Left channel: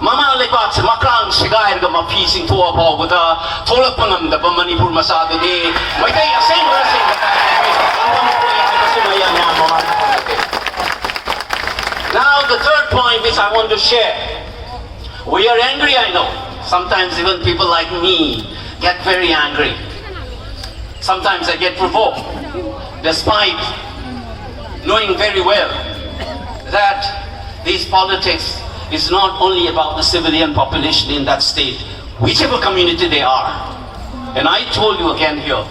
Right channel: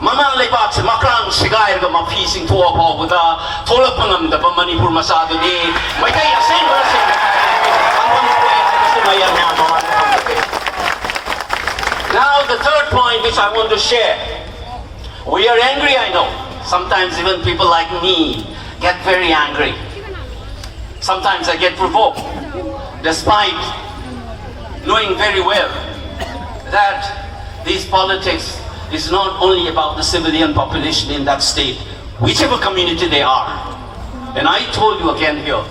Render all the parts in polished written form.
MAMALEIBAKSE makrang SEGAIRAGA MAFI CHINGTHOKLAFAOBADA tholakpa ngamdaba Manipur masadani maitai asengba sengba angwang koi haibasu mayam ya mamali. Now the third point which I want to share. We are angry, I know. Sometimes even people like me get very angry. Sometimes I get provoked, despite knowing very well that these politics is not only about the civilian population in that state, whichever community they are. And I told you again here,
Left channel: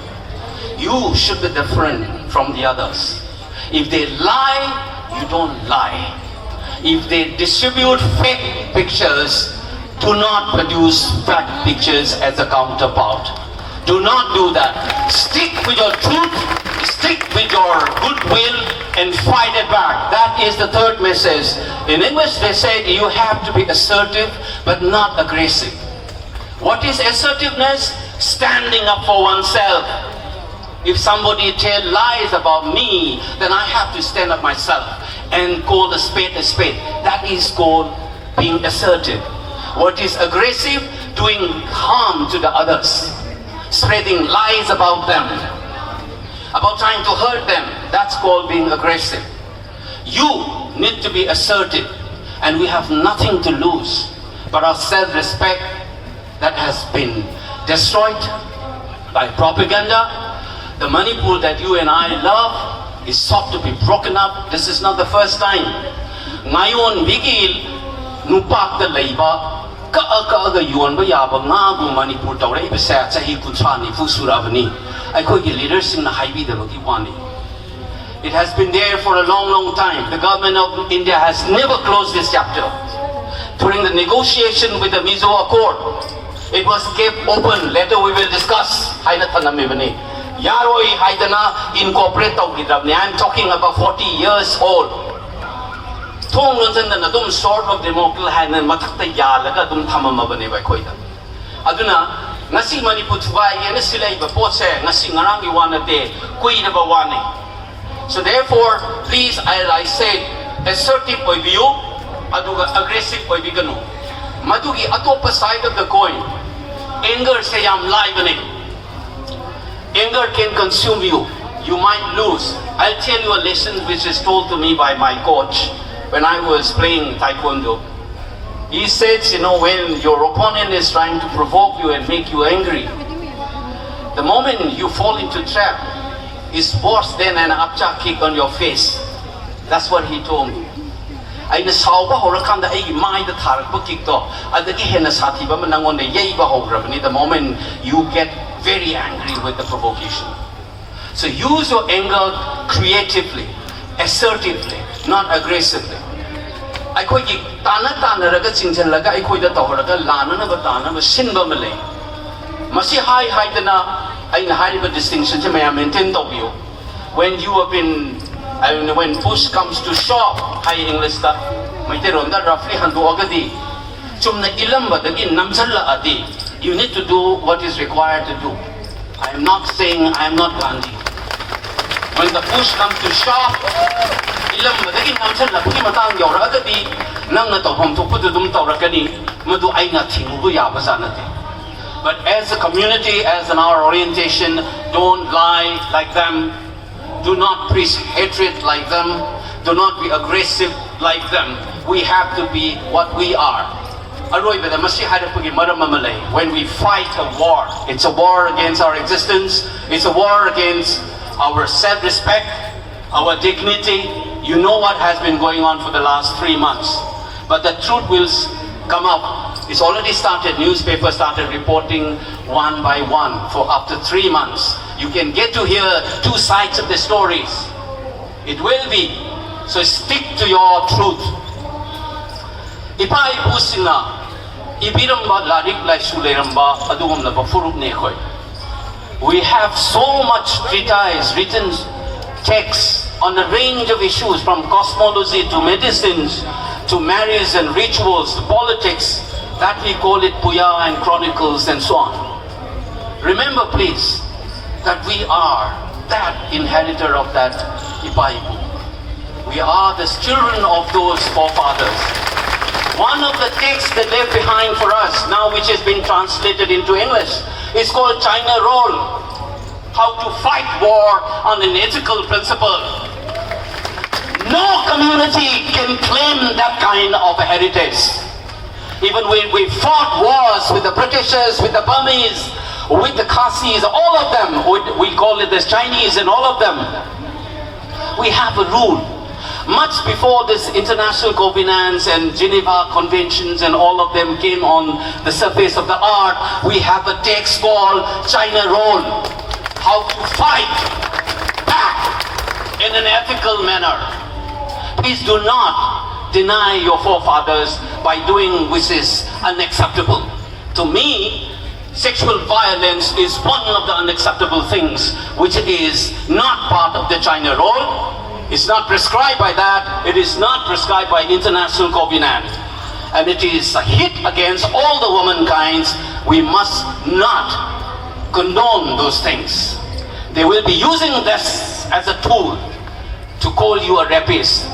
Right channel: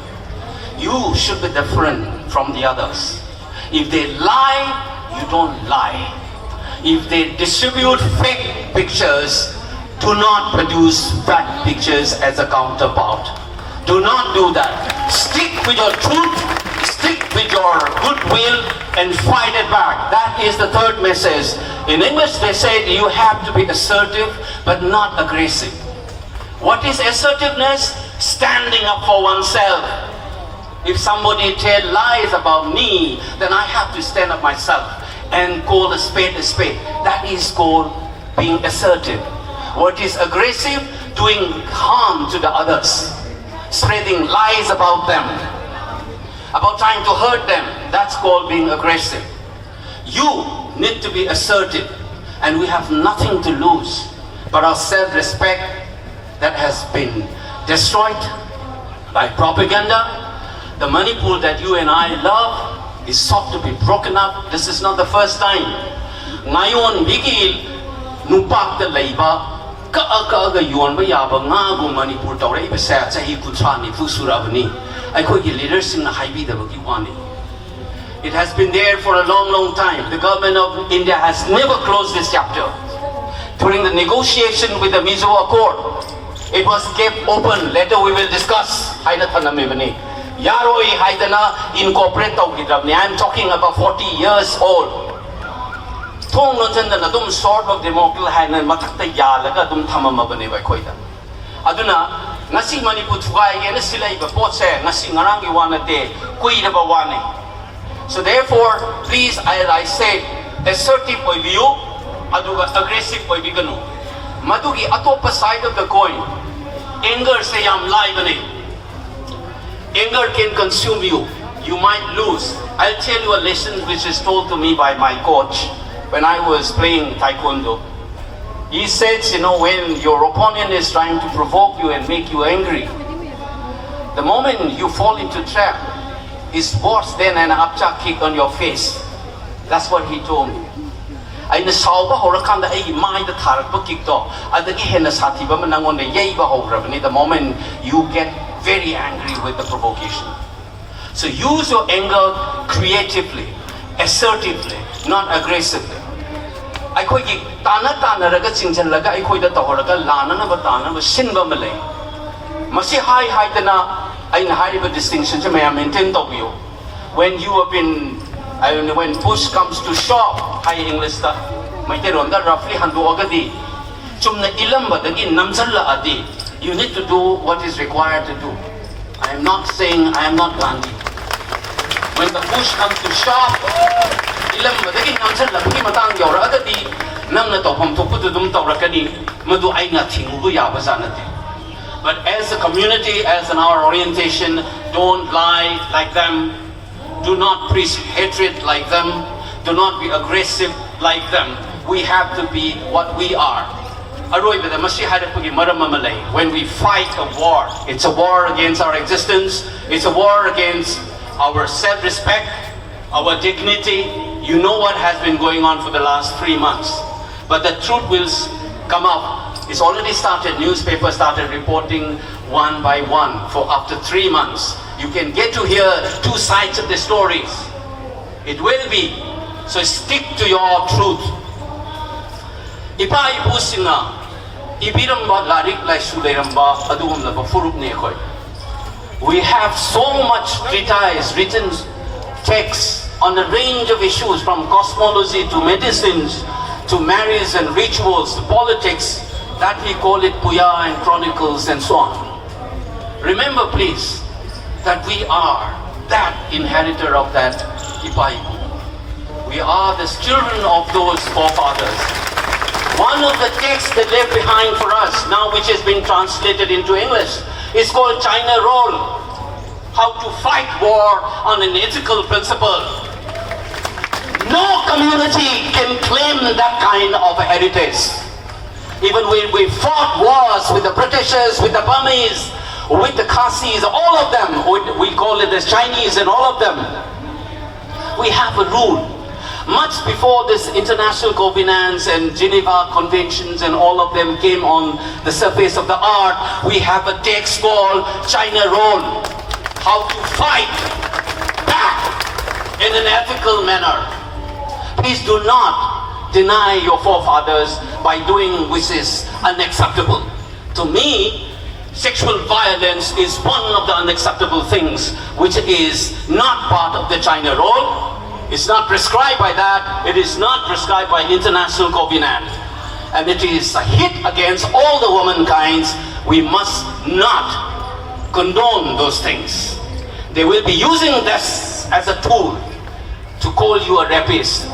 you should be different from the others. If they lie, you don't lie. If they distribute fake pictures, do not produce fact pictures as a counterpart. Do not do that. Stick with your truth, stick with your goodwill, and fight it back. That is the third message. In English they say you have to be assertive but not aggressive. What is assertiveness? Standing up for oneself. If somebody tells lies about me, then I have to stand up myself and call a spade a spade. That is called being assertive. What is aggressive? Doing harm to the others. Spreading lies about them, about trying to hurt them. That's called being aggressive. You need to be assertive, and we have nothing to lose but our self-respect that has been destroyed by propaganda. The Manipur that you and I love is sought to be broken up. This is not the first time. Ngayon bigil nupak the leiba ka yuan ba yaba ngagu Manipur tawra ibasa sahi kuntrani fusurabani. Aikogi leaders in the haibi the wani. It has been there for a long time. The government of India has never closed this chapter. During the negotiation with the Mizo Accord, it was kept open. Later we will discuss. Yaroi Haidana incorporate. I'm talking about 40 years old. Thong Nozan Nadum sort of democracy and Matakta Yalaga Dum Tamamabane by Koida. Aduna, Nasi Manipur Tuai, Silay, Bapose, Nasi Narangi Wanate, Kuida Bawani. So therefore, please, as I said, assertive point of view, aggressive point of view. Madugi atopa side of the coin, anger say I'm live. Anger can consume you. You might lose. I'll tell you a lesson which is told to me by my coach when I was playing taekwondo. He says, when your opponent is trying to provoke you and make you angry, the moment you fall into trap, is worse than an upchuck kick on your face. That's what he told me. I saw the moment you get very angry with the provocation. So use your anger creatively, assertively, not aggressively. I could Tana Raga Chinchalaga, I could the Tohoraga, Lana, Batana, Sinba Malay. Masi high Dana. I have a distinction to maintain of you. When you have been, when push comes to shove, high English stuff, my teronda roughly handu agadi. Chumna ilamba dagi namsalla adi. You need to do what is required to do. I am not saying I am not Gandhi. When the push comes to shove, ilamba dagi namsalla puki matang yora agadi. Nang na tawham tukudum tawrakani, madu ay na tingugu yabasanati. But as a community, as in our orientation, don't lie like them. Do not preach hatred like them. Do not be aggressive like them. We have to be what we are. When we fight a war, it's a war against our existence. It's a war against our self-respect, our dignity. You know what has been going on for the last 3 months. But the truth will come up. It's already started. Newspapers started reporting one by one for up to 3 months. You can get to hear two sides of the stories. It will be. So stick to your truth. Ipa ibu singa ibiramba larik lai suleramba adugum na bafurup ne khoi. We have so much treatise, written texts on a range of issues, from cosmology to medicines to marriage and rituals to politics, that we call it Puya and Chronicles and so on. Remember please that we are that inheritor of that Ipaipu. We are the children of those forefathers. One of the texts they left behind for us, now which has been translated into English, is called China Roll. How to fight war on an ethical principle. No community can claim that kind of a heritage. Even when we fought wars with the Britishers, with the Burmese, with the Khasis, all of them, we call it the Chinese and all of them, we have a rule. Much before this international covenants and Geneva conventions and all of them came on the surface of the earth, we have a text called China Roll. How to fight back in an ethical manner. Please do not deny your forefathers by doing which is unacceptable. To me, sexual violence is one of the unacceptable things which is not part of the China Roll. It's not prescribed by that. It is not prescribed by international covenant. And it is a hit against all the womankind. We must not condone those things. They will be using this as a tool to call you a rapist.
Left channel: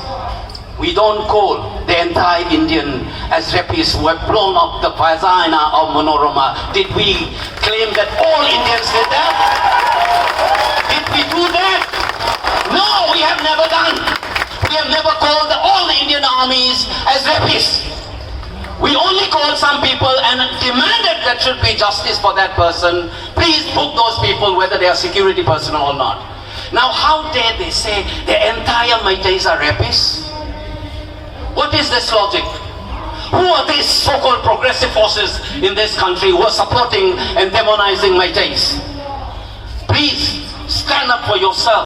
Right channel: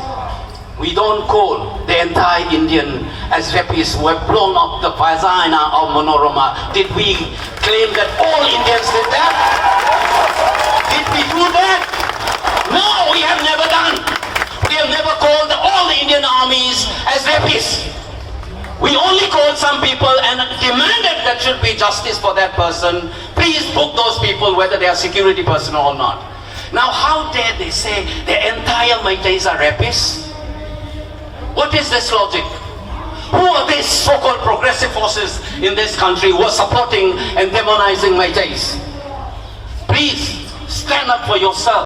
We don't call the entire Indian as rapists who have blown up the vagina of Manorama. Did we claim that all Indians did that? Did we do that? No, we have never done. We have never called all the Indian armies as rapists. We only called some people and demanded that should be justice for that person. Please book those people whether they are security personnel or not. Now how dare they say the entire Meiteis are rapists? What is this logic? Who are these so-called progressive forces in this country who are supporting and demonizing Meiteis? Please stand up for yourself.